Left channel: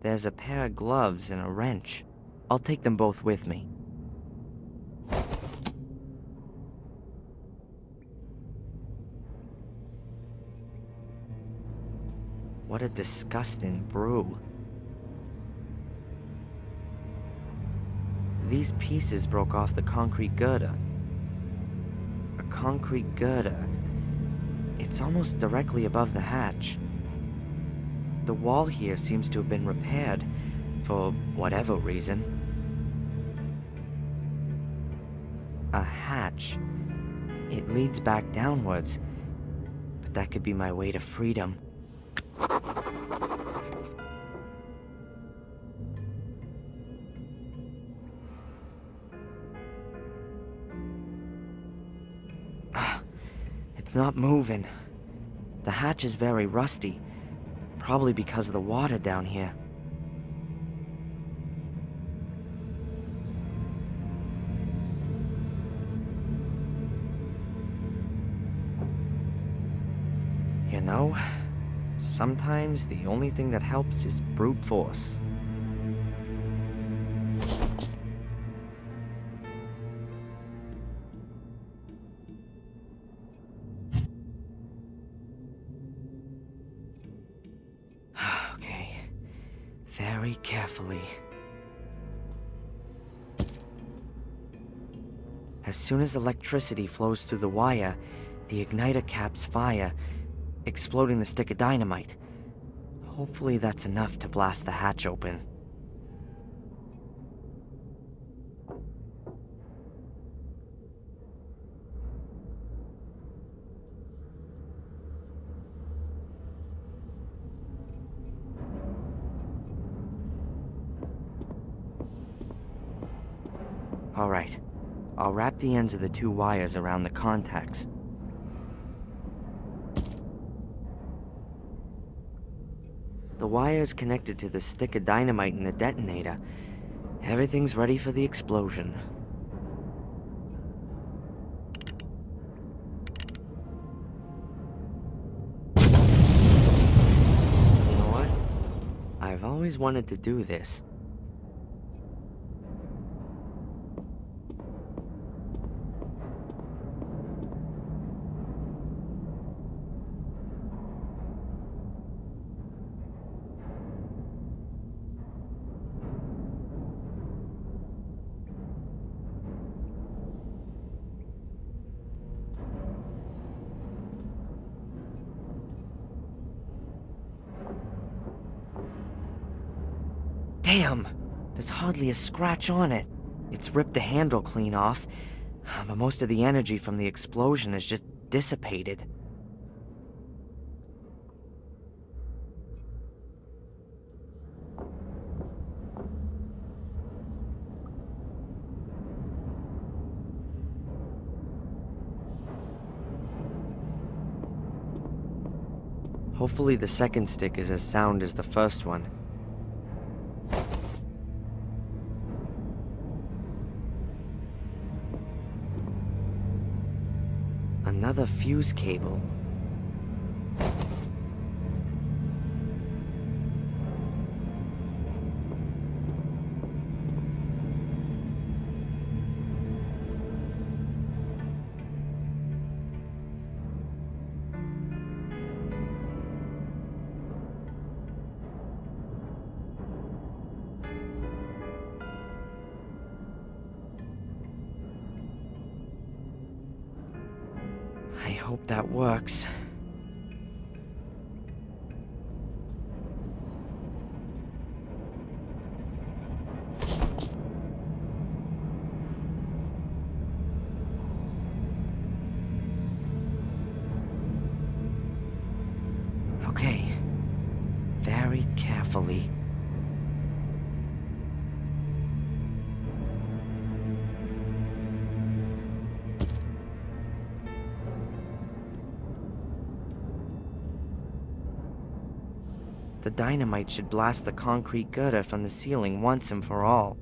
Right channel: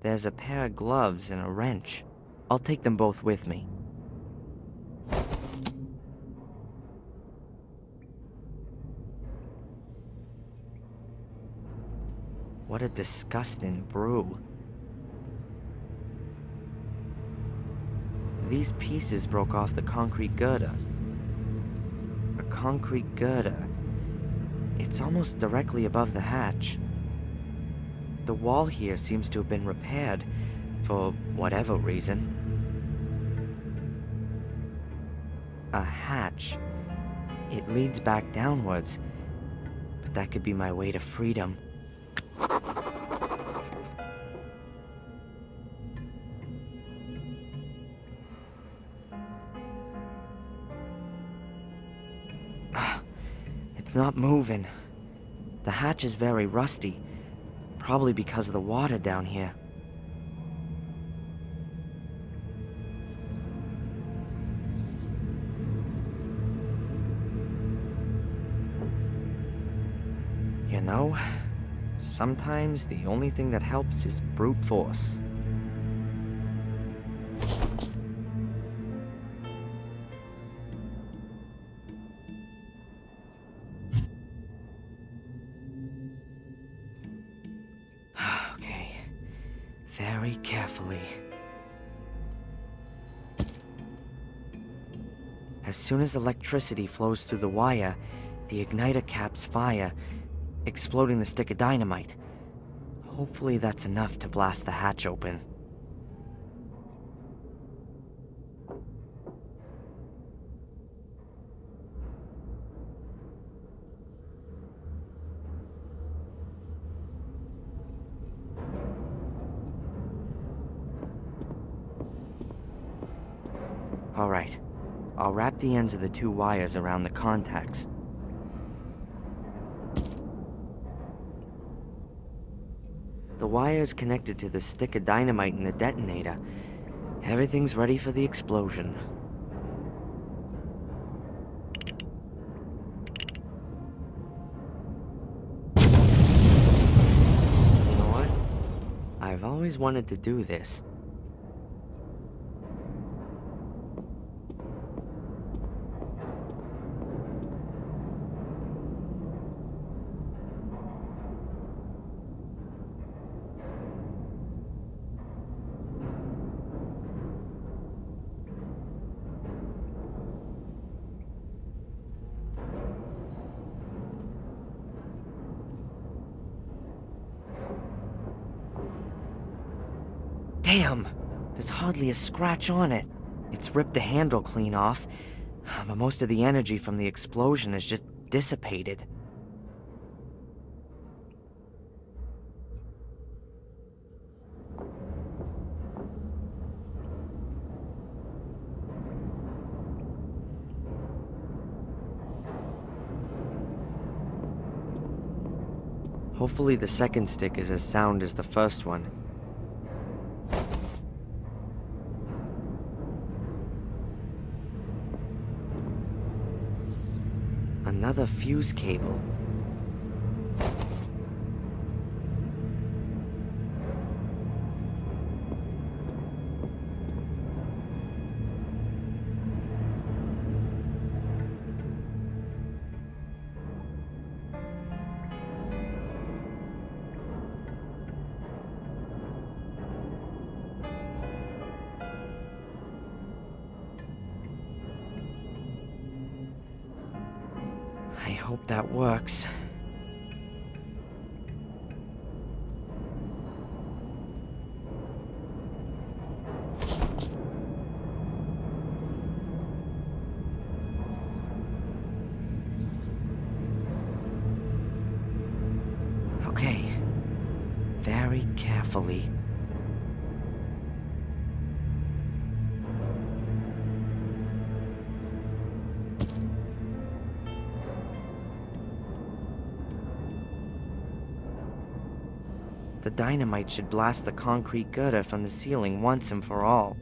There's a pair of gloves and a wrench. I'll take them both with me. What a disgusting brew. These pieces broke off the concrete girder. A concrete girder. It's almost directly above the hatch. The wall here seems to have been repaired, for whatever reason. A hatch. It leads back downwards, but that could be my way to freedom. It's not moving. The hatch is very rusty, probably because of the water down here. You know, sometimes the only thing that helps is brute force. Okay, very carefully. As soon as electricity flows through the wire, the igniter caps fire, exploding the stick of dynamite. Hopefully that's enough to blast the hatch open. Alright, I'll wrap the ends of the two wires around the contacts. The wire's connected to the stick of dynamite in the detonator. Everything's ready for the explosion. You know what? I've always wanted to do this. Damn! There's hardly a scratch on it. It's ripped the handle clean off, but most of the energy from the explosion is just dissipated. Hopefully the second stick is as sound as the first one. Another fuse cable. I hope that works. Okay. Very carefully. The dynamite should blast the concrete girder from the ceiling once and for all.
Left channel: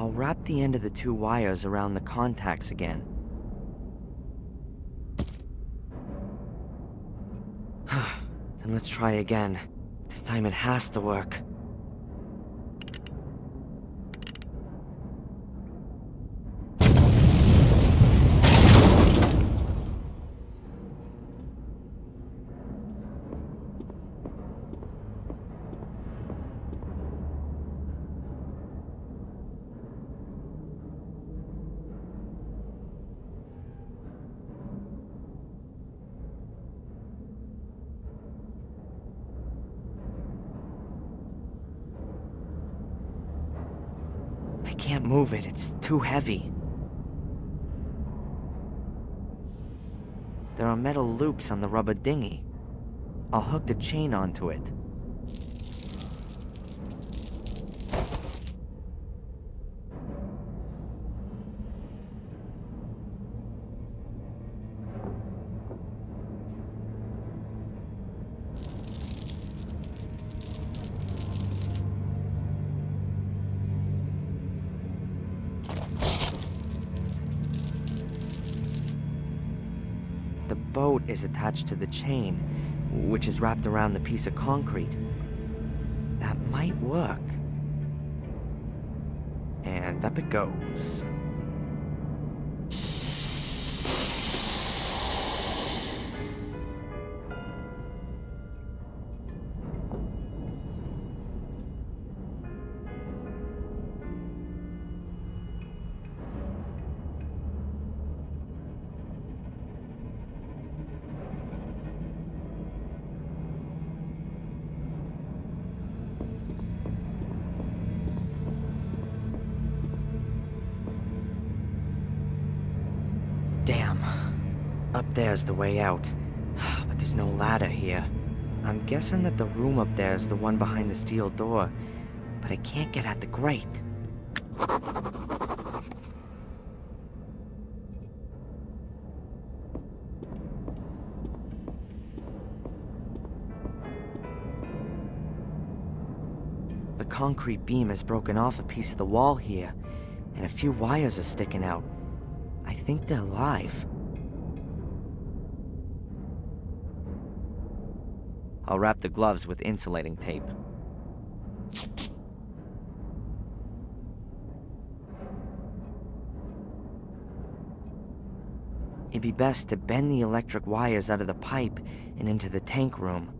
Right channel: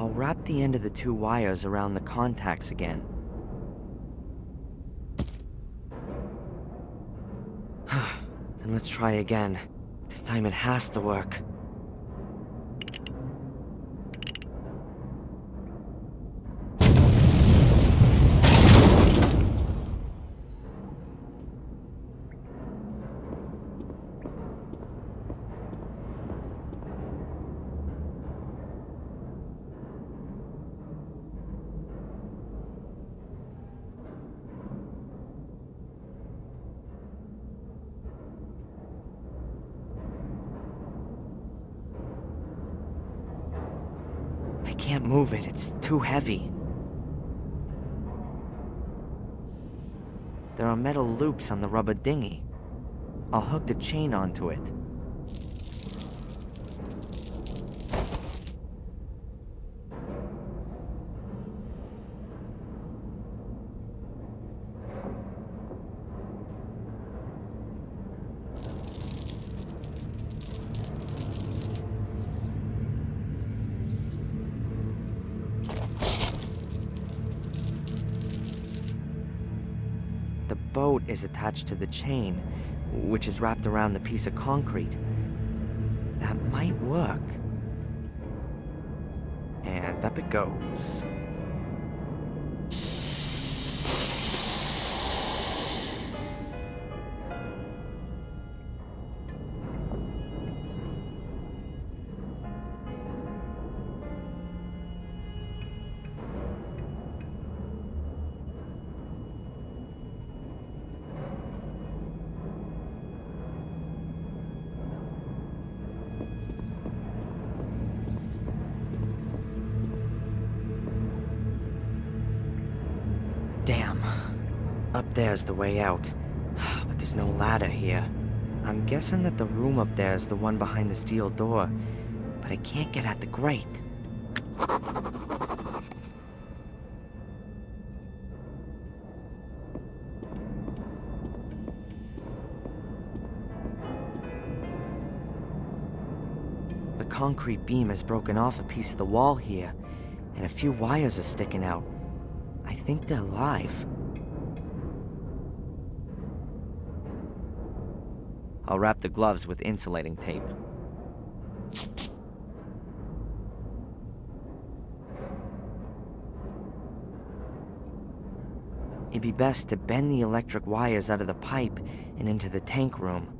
I'll wrap the end of the two wires around the contacts again. Then let's try again. This time it has to work. I can't move it, it's too heavy. There are metal loops on the rubber dinghy. I'll hook the chain onto it. The boat is attached to the chain, which is wrapped around the piece of concrete. That might work. And up it goes. Damn. Up there's the way out. But there's no ladder here. I'm guessing that the room up there is the one behind the steel door, but I can't get at the grate. The concrete beam has broken off a piece of the wall here, and a few wires are sticking out. I think they're live. I'll wrap the gloves with insulating tape. It'd be best to bend the electric wires out of the pipe and into the tank room.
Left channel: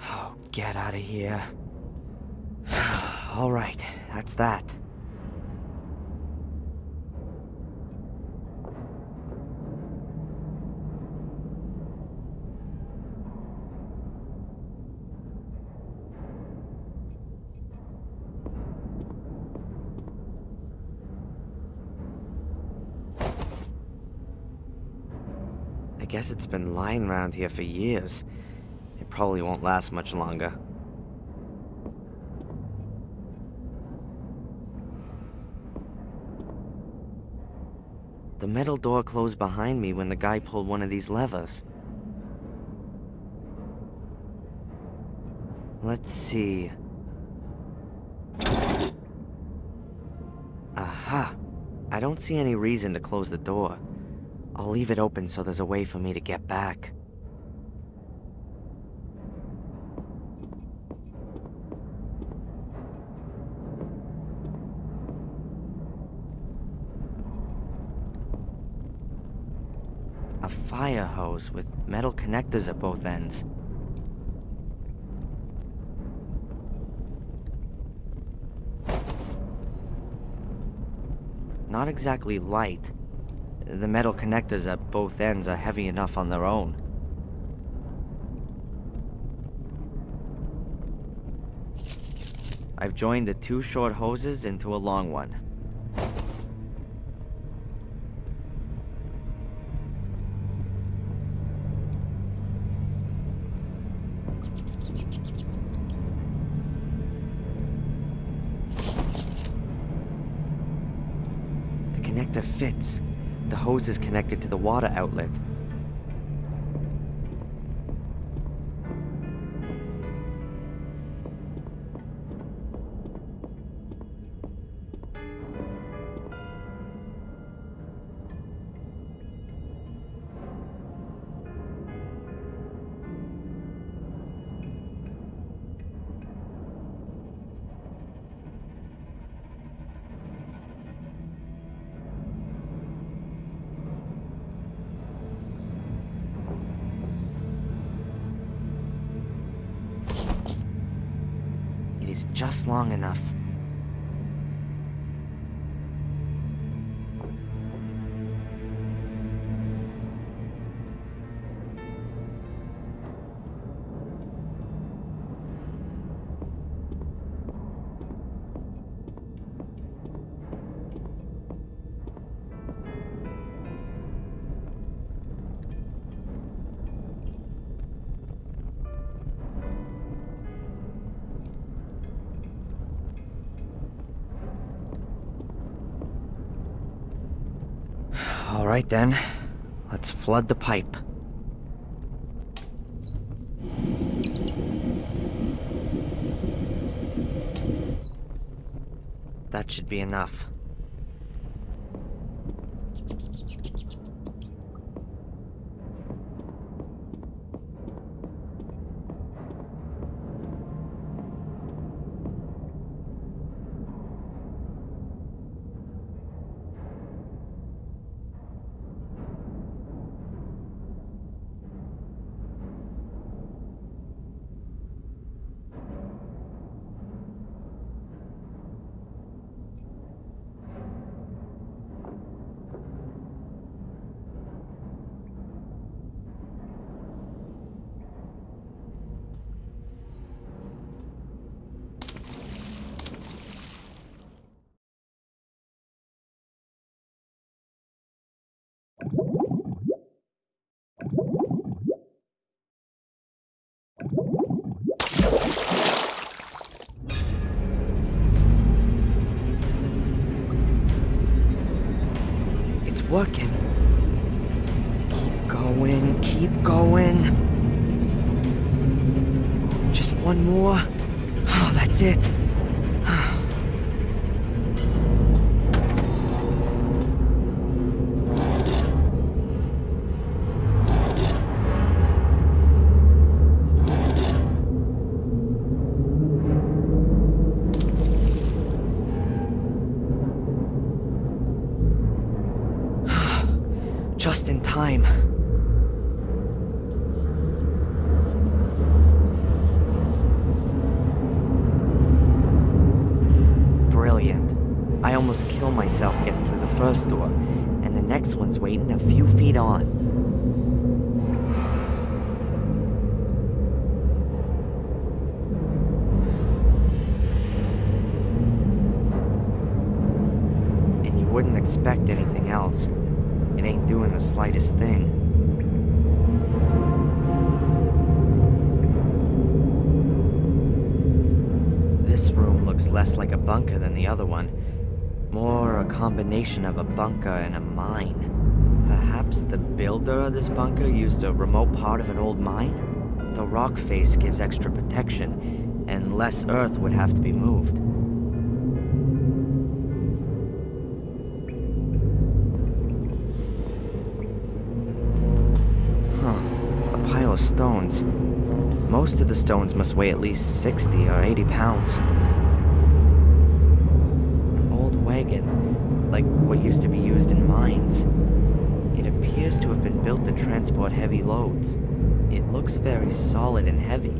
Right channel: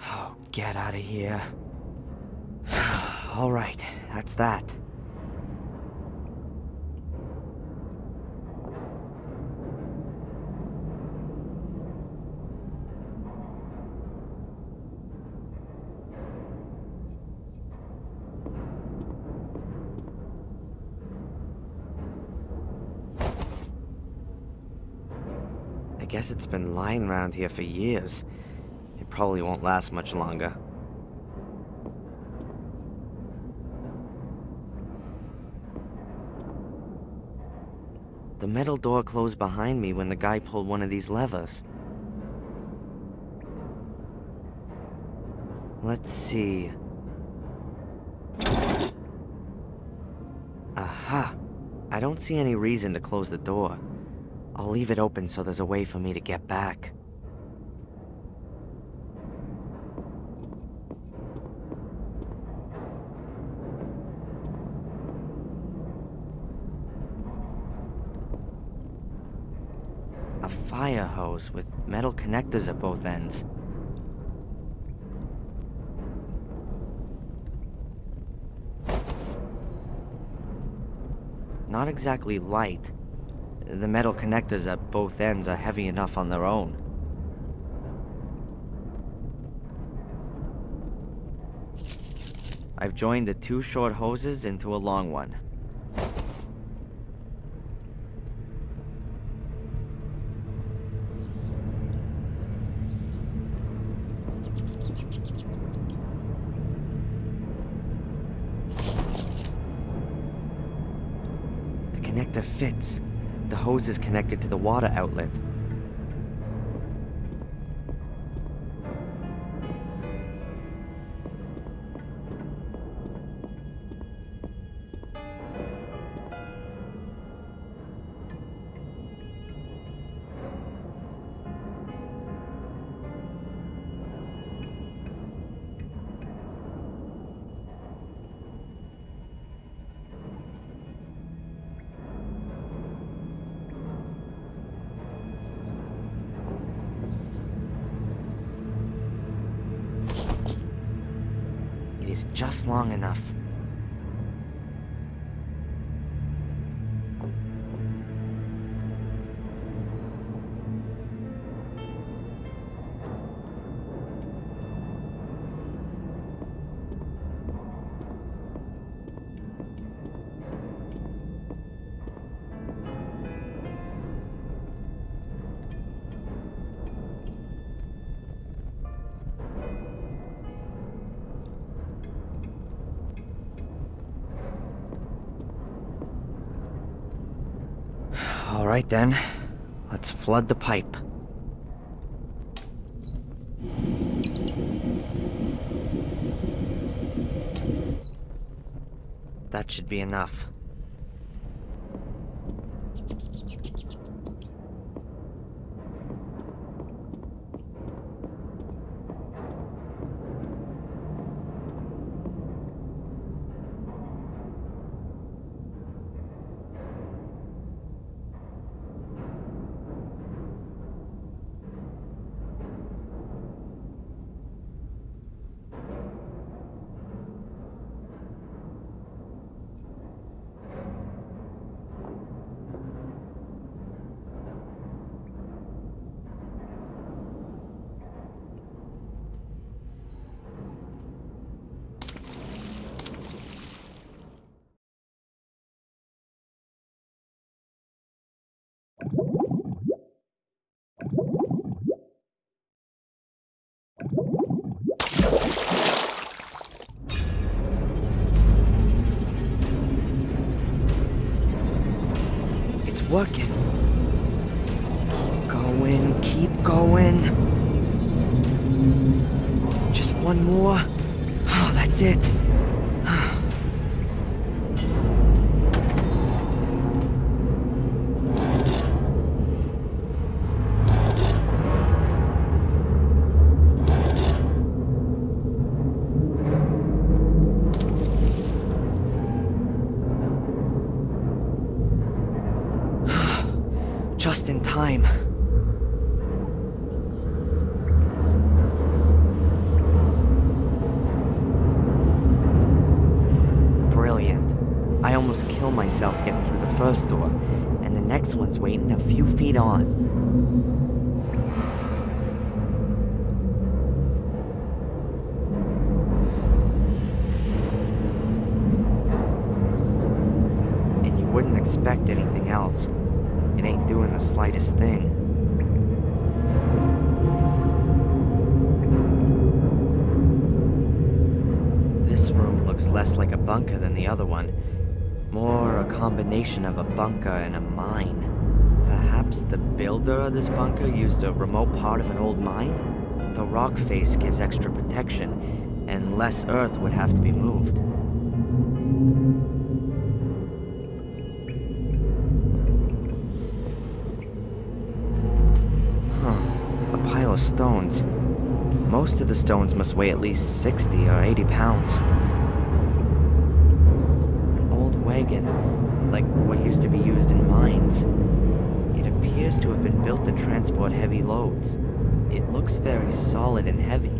Oh, get out of here. All right, that's that. I guess it's been lying around here for years. It probably won't last much longer. The metal door closed behind me when the guy pulled one of these levers. Let's see. Aha! I don't see any reason to close the door. I'll leave it open so there's a way for me to get back. A fire hose with metal connectors at both ends. Not exactly light. The metal connectors at both ends are heavy enough on their own. I've joined the two short hoses into a long one. The connector fits. The hose is connected to the water outlet. is just long enough. All right then, let's flood the pipe. That should be enough. It's working. Keep going, keep going. Just one more. Oh, that's it. Just in time. Brilliant. I almost killed myself getting through the first door, and the next one's waiting a few feet on. And you wouldn't expect anything else. It ain't doing the slightest thing. This room looks less like a bunker than the other one. More a combination of a bunker and a mine. Perhaps the builder of this bunker used a remote part of an old mine? The rock face gives extra protection, and less earth would have to be moved. A pile of stones. Most of the stones must weigh at least 60 or 80 pounds. An old wagon, like what used to be used in mines. It appears to have been built to transport heavy loads. It looks very solid and heavy.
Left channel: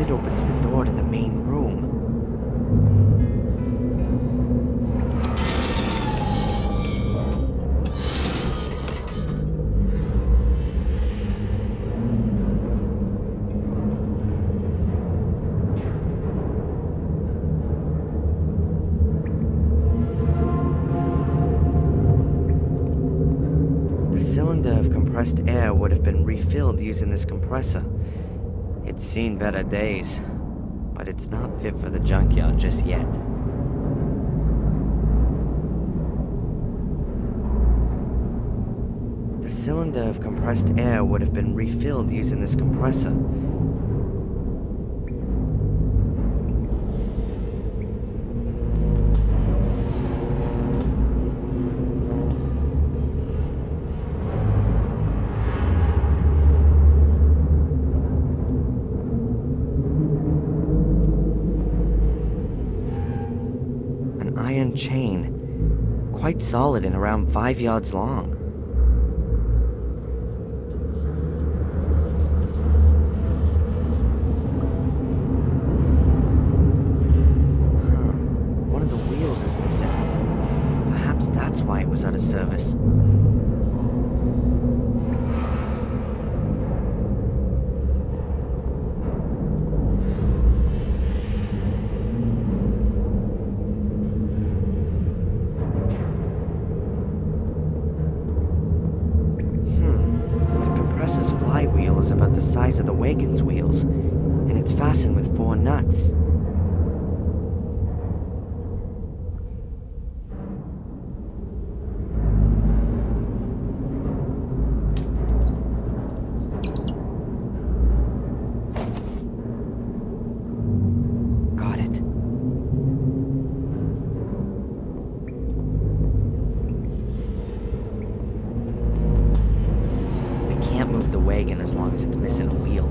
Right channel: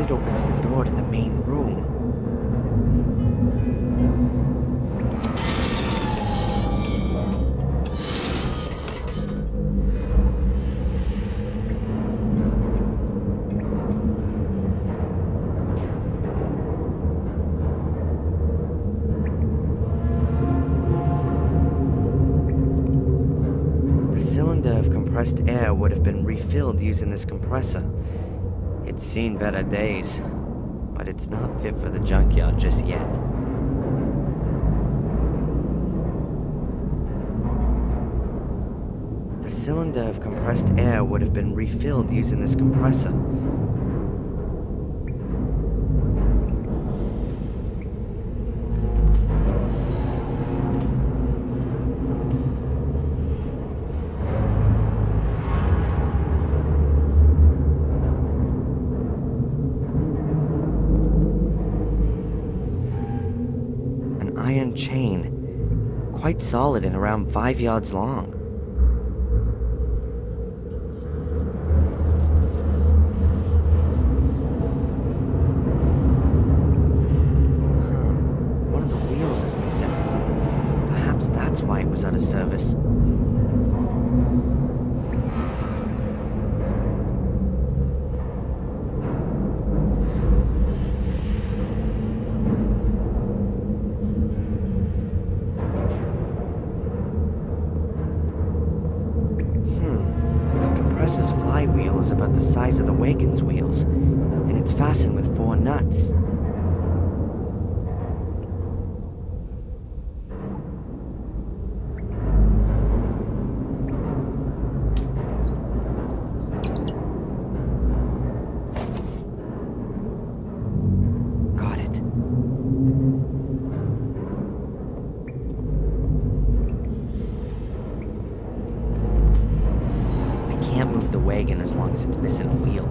It opens the door to the main room. The cylinder of compressed air would have been refilled using this compressor. It's seen better days, but it's not fit for the junkyard just yet. The cylinder of compressed air would have been refilled using this compressor. Iron chain. quite solid and around 5 yards long. Huh. One of the wheels is missing. Perhaps that's why it was out of service. The compressor's flywheel is about the size of the wagon's wheels, and it's fastened with 4 nuts. Got it. I can't move the wagon as long as it's missing a wheel.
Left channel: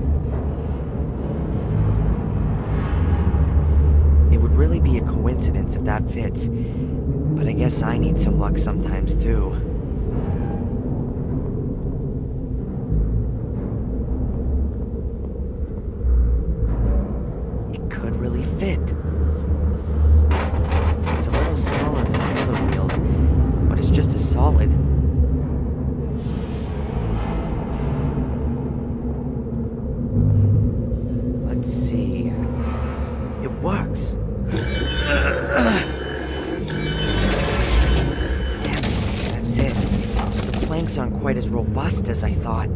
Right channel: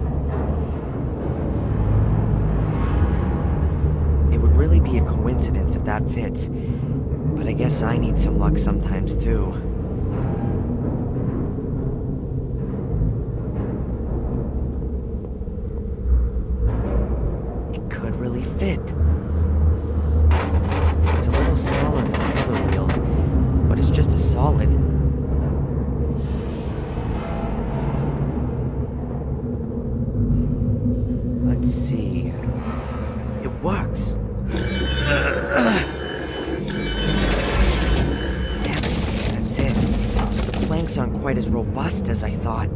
It would really be a coincidence if that fits, but I guess I need some luck sometimes too. It could really fit. It's a little smaller than the other wheels, but it's just as solid. Let's see. It works. Damn it, that's it. The planks aren't quite as robust as I thought.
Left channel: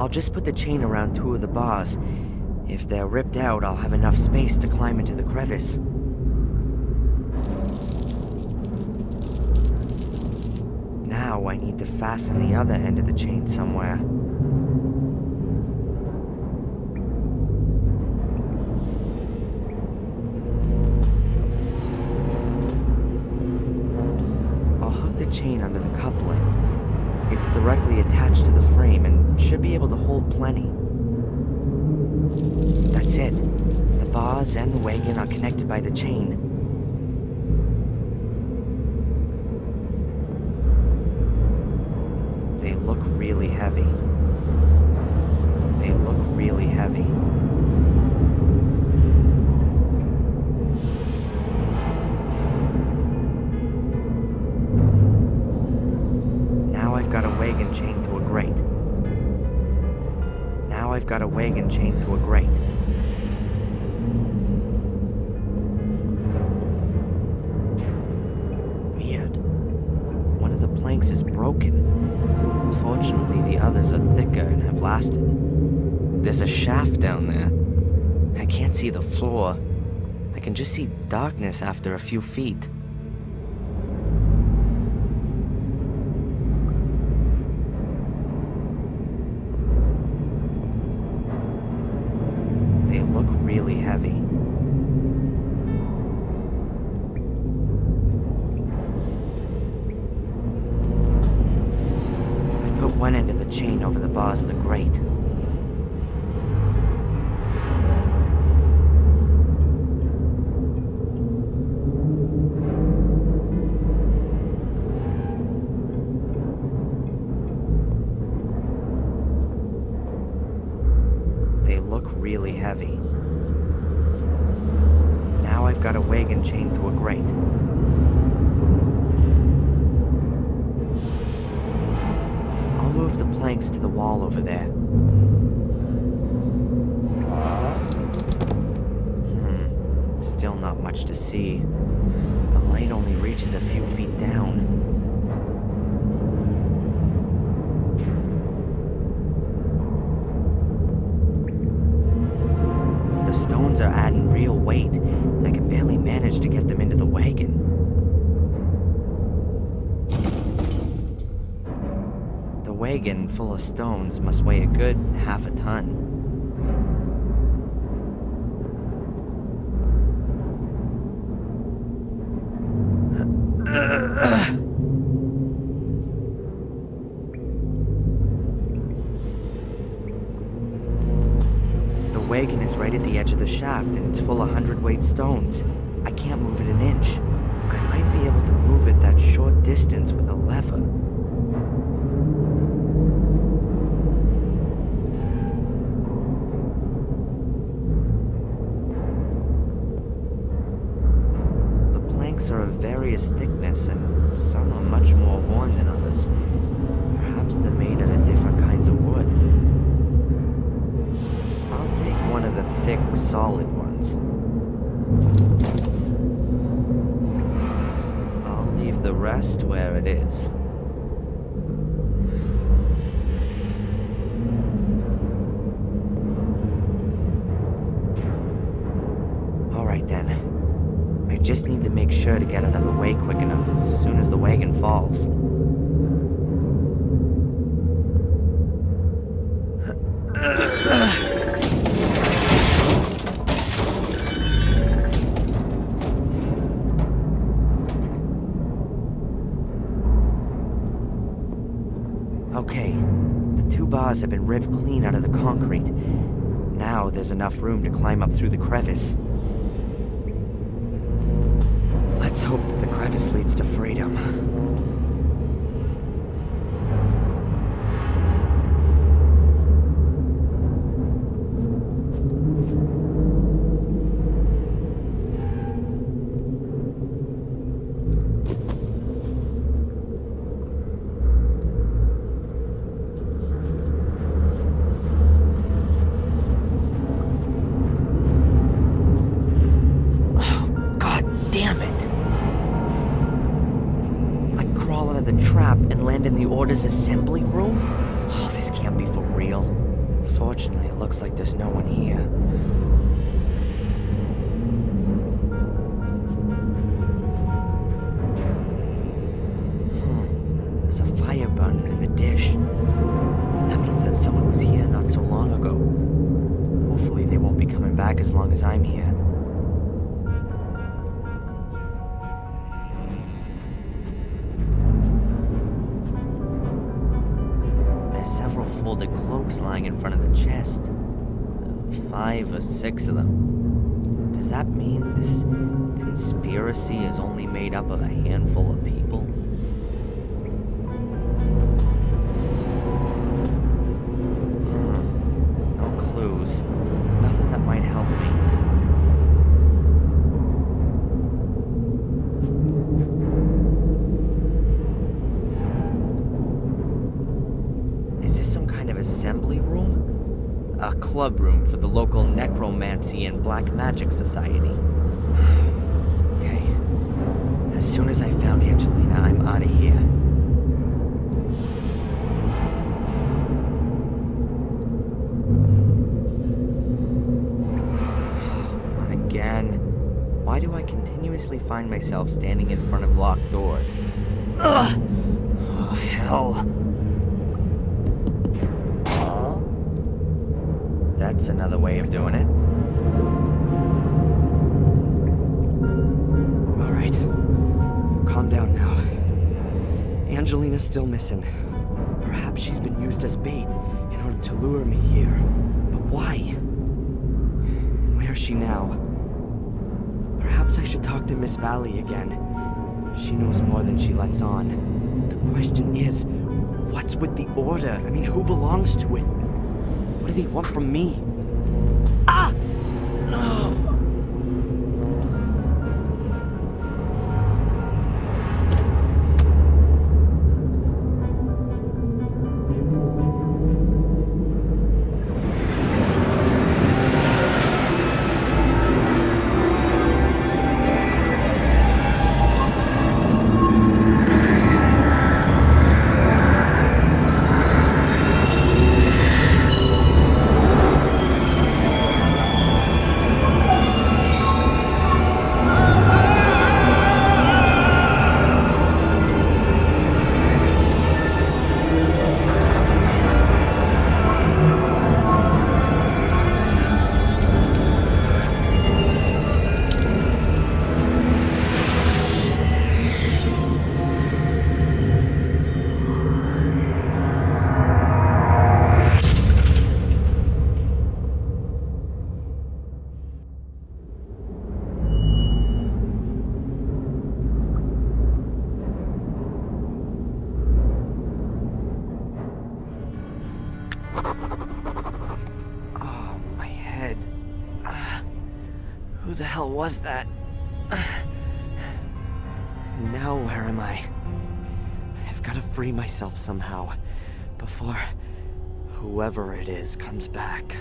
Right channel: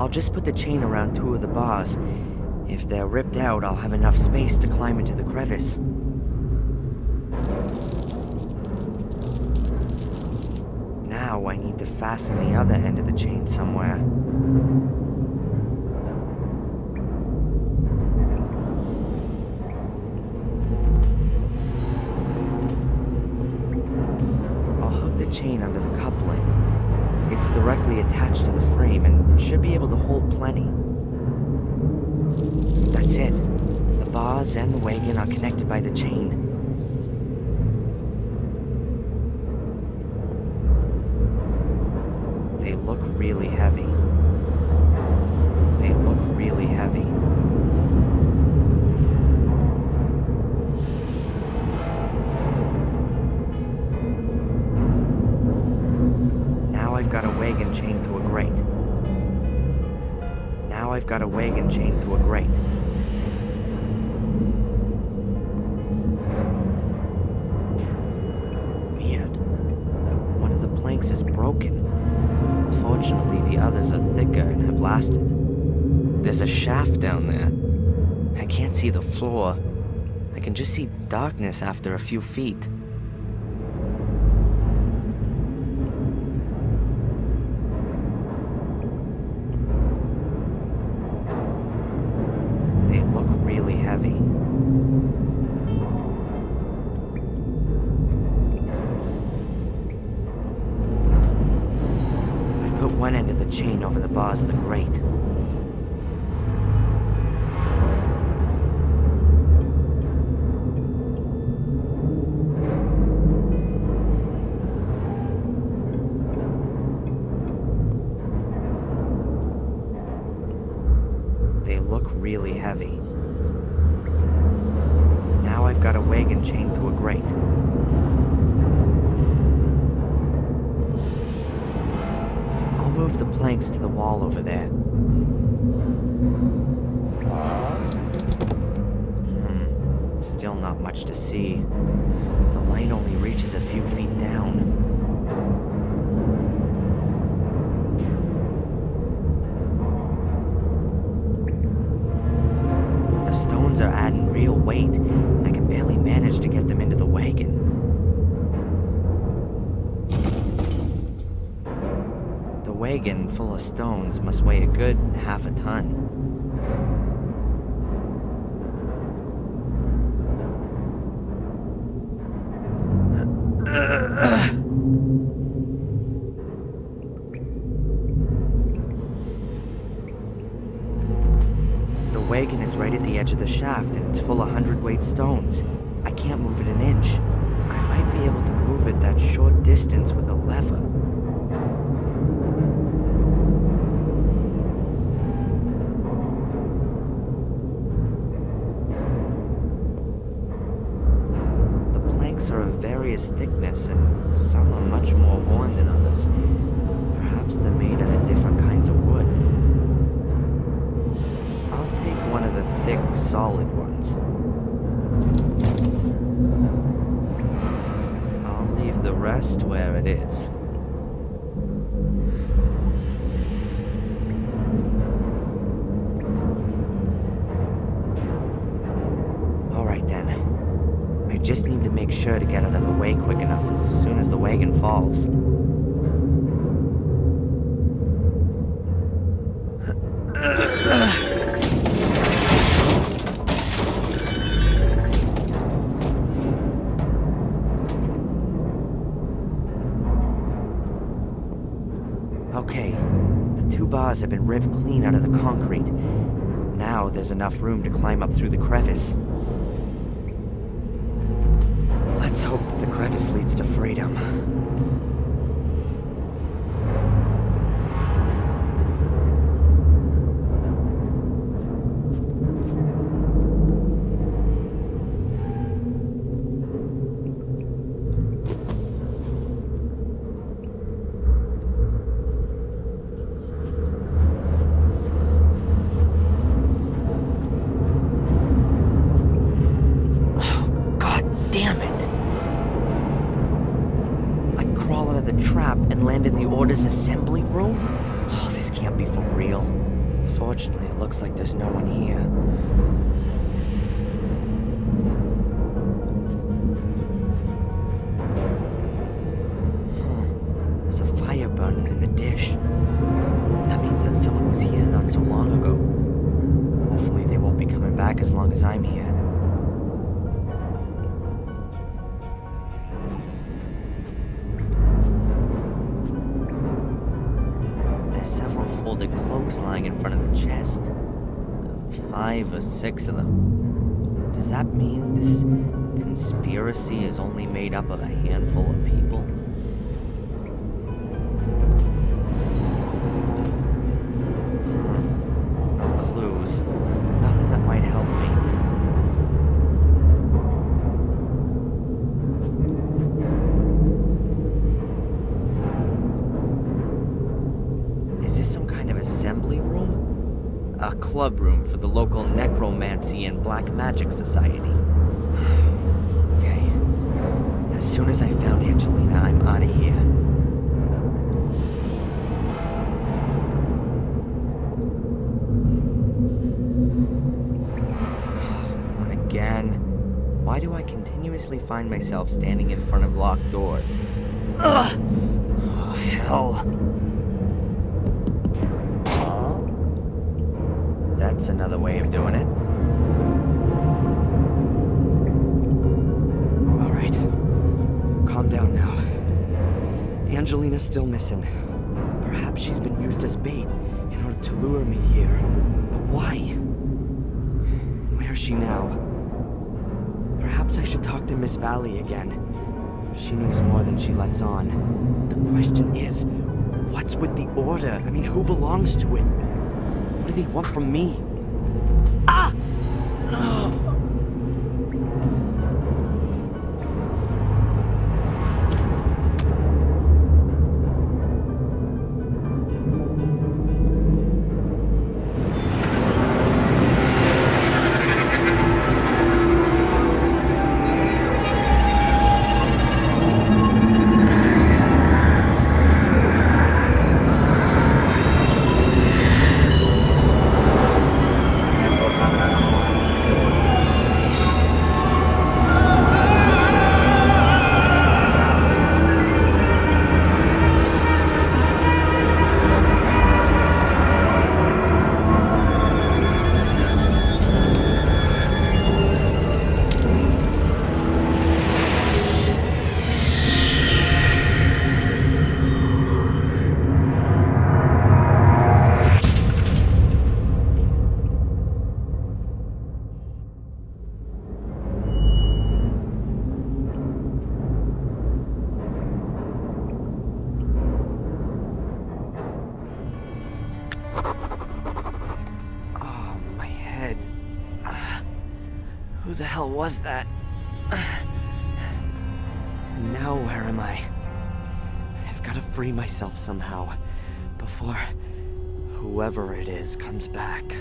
I'll just put the chain around 2 of the bars. If they're ripped out, I'll have enough space to climb into the crevice. Now I need to fasten the other end of the chain somewhere. I'll hook the chain under the coupling. It's directly attached to the frame and should be able to hold plenty. That's it. The bars and the wagon are connected by the chain. They look really heavy. They look really heavy. Now I've got a wagon chained to a grate. Now I've got a wagon chained to a grate. Weird. One of the planks is broken. Fortunately, the others are thicker and have lasted. There's a shaft down there. I can't see the floor. I can just see darkness after a few feet. They look really heavy. I've put one end of the chain over the bars of the grate. They look really heavy. Now I've got a wagon chained to a grate. I'll move the planks to the wall over there. Still not much to see. The light only reaches a few feet down. The stones are adding real weight, and I can barely manage to get them into the wagon. The wagon full of stones must weigh a good half a ton. is right at the edge of the shaft, and it's full of hundredweight stones. I can't move it an inch. I might be able to move it that short distance with a lever. The planks are of various thickness, and some are much more worn than others. Perhaps they're made out of different kinds of wood. I'll take one of the thick, solid ones. I'll leave the rest where it is. Alright then. I just need to make sure to get out of the way quick enough as soon as the wagon falls. Okay, the two bars have been ripped clean out of the concrete. Now there's enough room to climb up through the crevice. Let's hope that the crevice leads to freedom. Damn it! I crawl out of the trap and land in the Order's assembly room? Oh, this can't be for real. Fortunately, it looks like there's no one here. There's a fire burning in the dish. That means that someone was here not so long ago. Hopefully they won't be coming back as long as I'm here. Several folded cloaks lying in front of the chest. 5 or 6 of them. Does that mean this conspiracy is only made up of a handful of people? No clues. Nothing that might help me. Is this some kind of assembly room? A club room for the local necromancy and black magic society. Okay. As soon as I found Angelina, I'm out of here. Not again. Why do I continuously find myself standing in front of locked doors? Ugh! Oh, hell. That's another way of doing it. All right. Calm down now. Angelina's still missing. Perhaps she's been used as bait in order to lure me here. But why? And where's she now? Perhaps I should talk to Miss Valley again. She knows more than she lets on. The question is, what's with the Order? I mean, who belongs to it? What do they want from me? Ah! Oh. Who the hell was that? And now where am I? I've got to free myself somehow, before whoever it is comes back.